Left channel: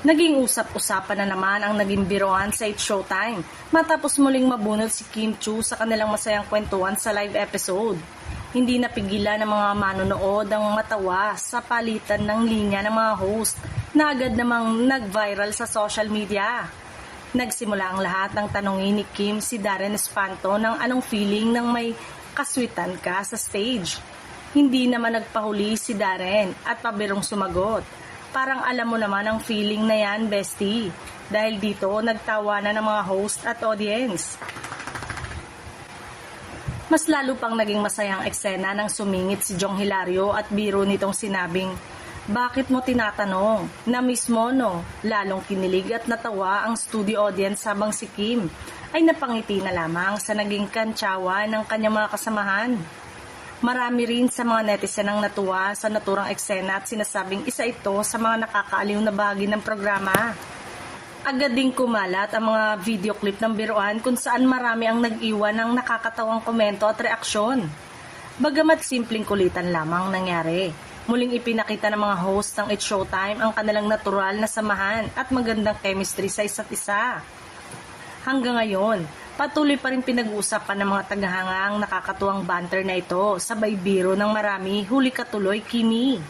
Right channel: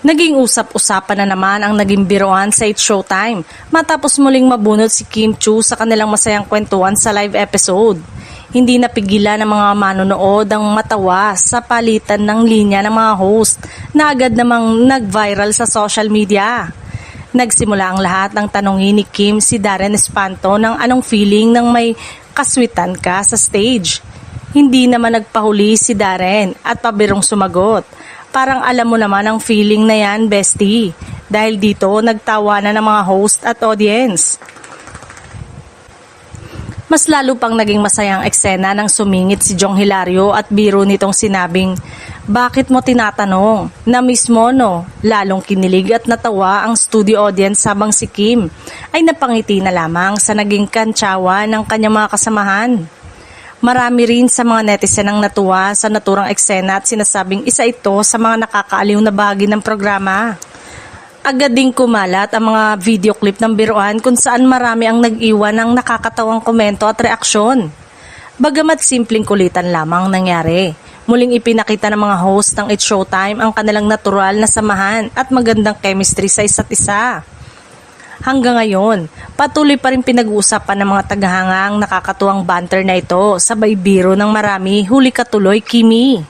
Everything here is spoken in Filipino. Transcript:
Naging usap-usapan na naman ang naging biroan sa It's Showtime matapos muling mabunot si Kim Chiu sa kanilang masayang kwentuhan sa live episode. Hindi napigilan ng mga manonood ang matawa sa palitan ng linya ng mga host na agad namang nag-viral sa social media. Nagsimula ang lahat ng tanongin ni Kim si Darren Espanto ng anong feeling ng may kaswitan ka sa stage. Hindi naman nagpahuli si Darren at pabirong sumagot. Parang alam mo naman ang feeling na yan, bestie. Dahil dito nagtawanan ng mga host at audience. Mas lalo pang naging masayang eksena nang sumingit si Jong Hilario at biro nitong sinabing, "Bakit mo tinatanong?" Na mismo no, lalong kinilig at natawa ang studio audience habang si Kim ay napangiti na lamang sa naging kantsawa ng kanyang mga kasamahan. Marami rin sa mga netizen ang natuwa sa naturang eksena at sinasabing isa ito sa mga nakakaaliw na bahagi ng programa. Agad ding kumalat ang mga video clip ng biruan kung saan marami ang nag-iwan ng nakakatawang komento at reaksyon. Bagamat simpleng kulitan lamang nangyari, muling ipinakita ng mga host ng It's Showtime ang kanilang natural na samahan at magandang chemistry sa isa't isa. Hanggang ngayon, patuloy pa rin pinag-uusapan ng mga tagahanga ang nakakatuwang banter na ito, sabay biro ng marami, huli katuloy Kimi.